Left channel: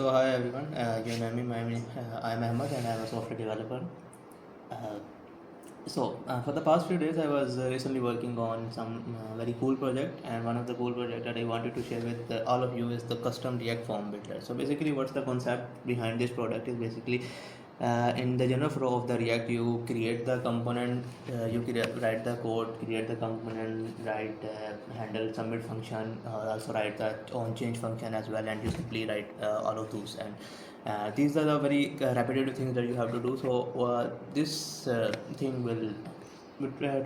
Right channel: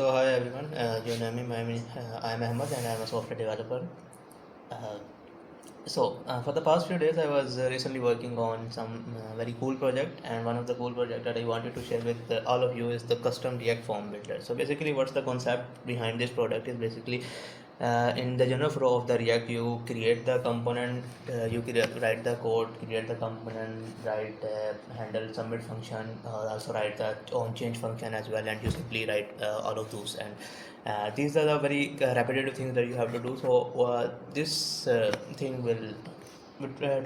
So hi everyone. You know me. I'm Ahmad and I'm a software developer. Uh, for the past few days, I was recently working on some very cool project, and one of the cool project that I wanted to share with all of you is the custom React form builder. So basically, what's the concept behind this product is basically in the general flow of the React, you create the component, write the code, create the component, write handle submit function, also write the on change function as well, and you simply write all of those. And these are the very repetitive things that you have to do. So this thing will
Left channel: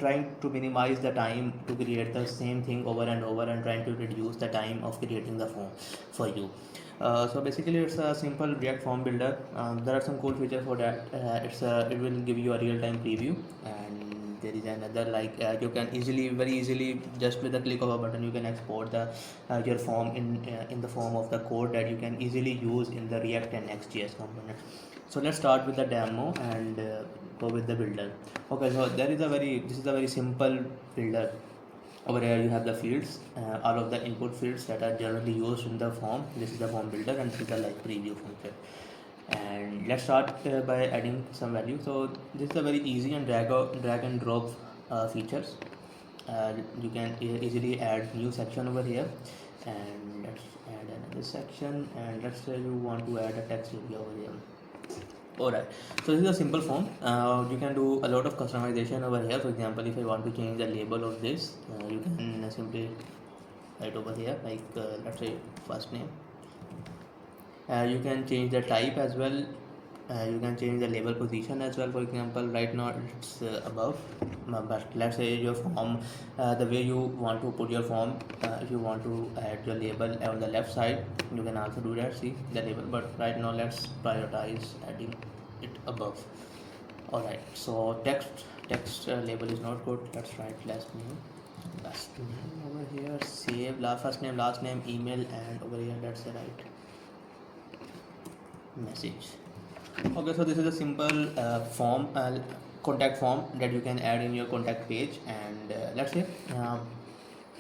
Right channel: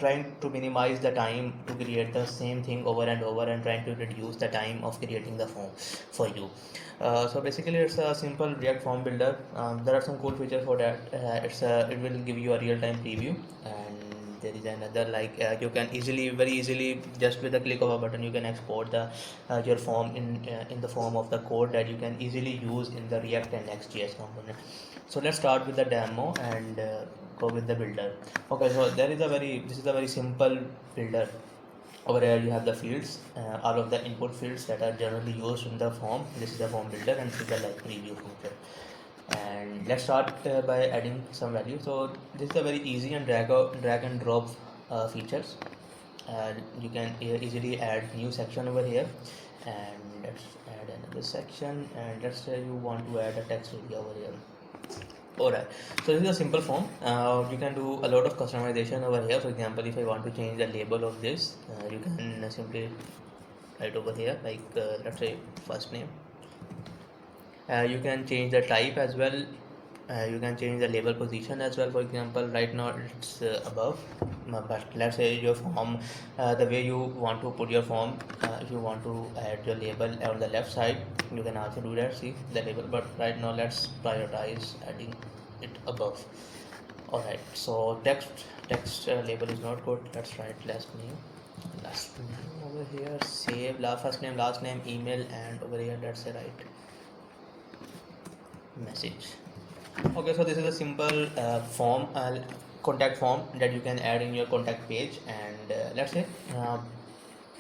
trying to minimize the time to create the same thing over and over and trying to reduce the time of creating the form for you. So basically it's a simple React form builder. There are some cool features for that. It will give you a real-time preview, and there is another like you can very easily, just with the click of a button, you can export the your form in the form of the code that you can easily use in the React and Next.js component. So let's start with the demo and go with the builder. Okay, so this is a very simple builder. Over here you have the fields, all of the input fields that are generally used in the form. This is the form builder, and this is the like preview function. And let's start by adding some value. So this is a very easy and drag and drop features. You can easily add new section over here, and let's add another section, and let's say you want to add a text area over here. Alright, so this is a simple form. You can do a lot of customization over here. For example, if I want to change the label of this, you can simply write over here like let's say first name. You can change the type as well. You can change the label position as well. For example, right now it's above, but let's say your form, the way you want to put your form, if you want to add your label on the left side, you can also do that. See the label, but right now let's prioritize adding it above. Alright, so text label is not good. Let's write last name over here. Save first name, last name, email, and over here let's say write message. Okay, so this is a simple form, contact form that you can add in your contact page, and let's say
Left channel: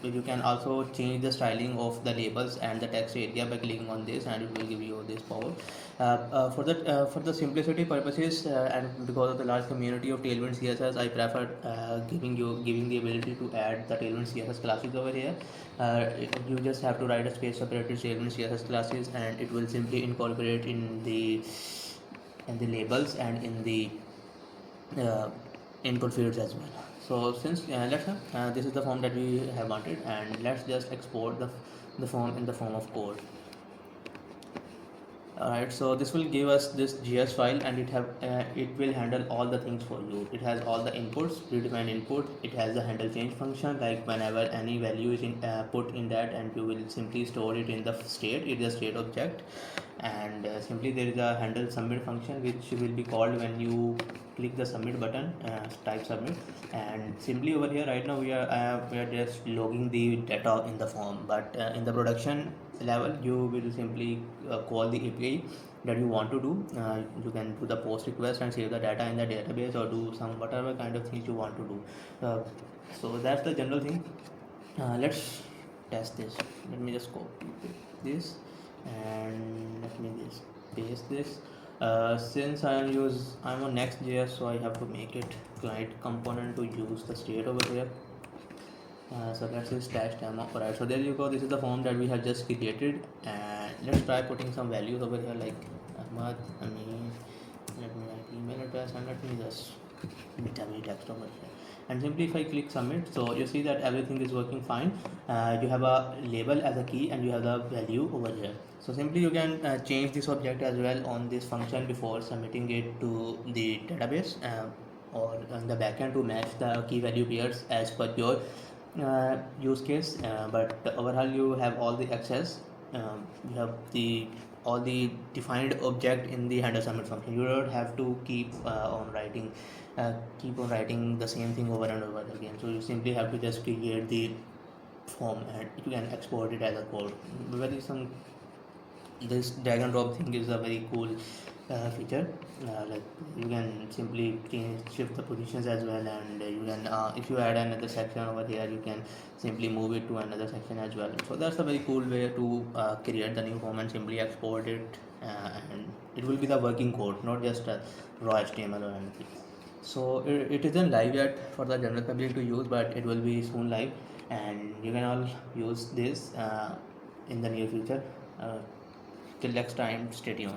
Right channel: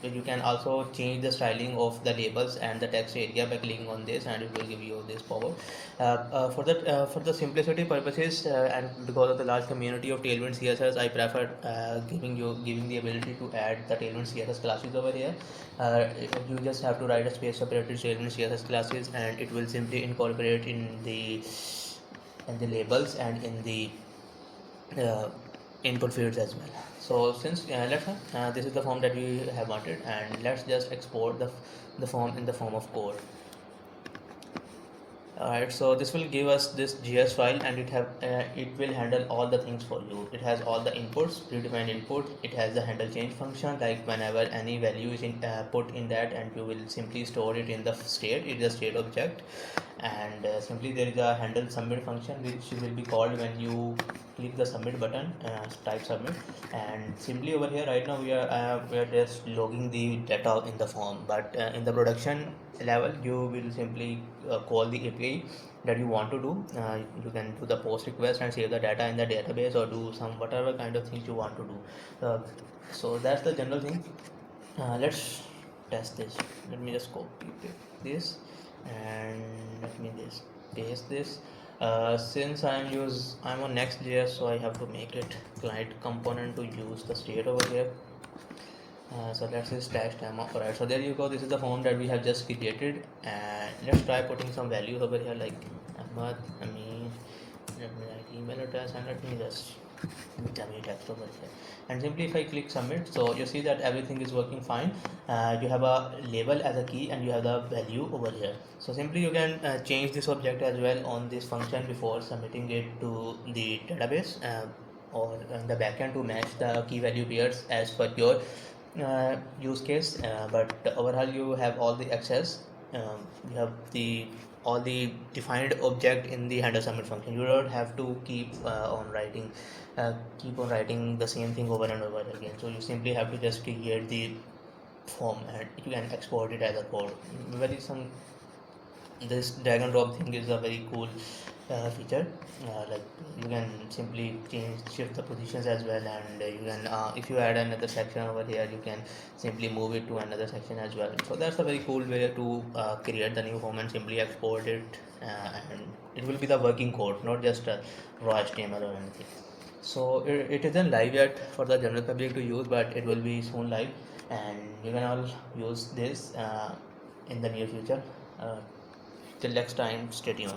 you can also change the styling of the labels and the text area by clicking on this, and it will give you this power. For the simplicity purposes and because of the large community of Tailwind CSS, I prefer giving the ability to add the Tailwind CSS classes over here. You just have to write a space separated Tailwind CSS classes, and it will simply incorporate in the labels and in the input fields as well. So since this is the form that we have wanted, and let's just export the form in the form of code. Alright, so this will give us this JS file, and it will handle all the things for you. It has all the inputs, predefined input. It has the handle change function, like whenever any value is put in that, and you will simply store it in the state. It is a state object, and simply there is a handle submit function which will be called when you click the submit button, type submit, and simply over here right now we are just logging the data in the form, but in the production level you will simply call the API that you want to do. You can do the post request and save the data in the database, or do some whatever kind of things you want to do. So that's the general thing. Let's test this. Let me just copy this, and let me just paste this. Since I'm on Next.js, so I have to make it client component to use the state over here. So that's his stash demo. Alright, so there you go. This is the form that we have just created, and let's try putting some values over here like Ahmad. Let me write email address, and let me just dummy text over here, and simply if I click submit, so you see that everything is working fine. You have a label as a key, and you have the value over here. So simply you can change this object as well on this function before submitting it to the database or in the backend to match the key value pairs as per your use case, but overall you have all the access. You have all the defined object in the handle submit function. You don't have to keep on writing the same thing over and over again. So you simply have to just create the form, and you can export it as a code. This drag and drop thing is a very cool feature. Like you can simply shift the positions as well, and you can if you add another section over here, you can simply move it to another section as well. So that's a very cool way to create the new form and simply export it and it will be the working code, not just a raw HTML or anything. So it isn't live yet for the general public to use, but it will be soon live, and you can all use this in the near future. Till next time, stay tuned.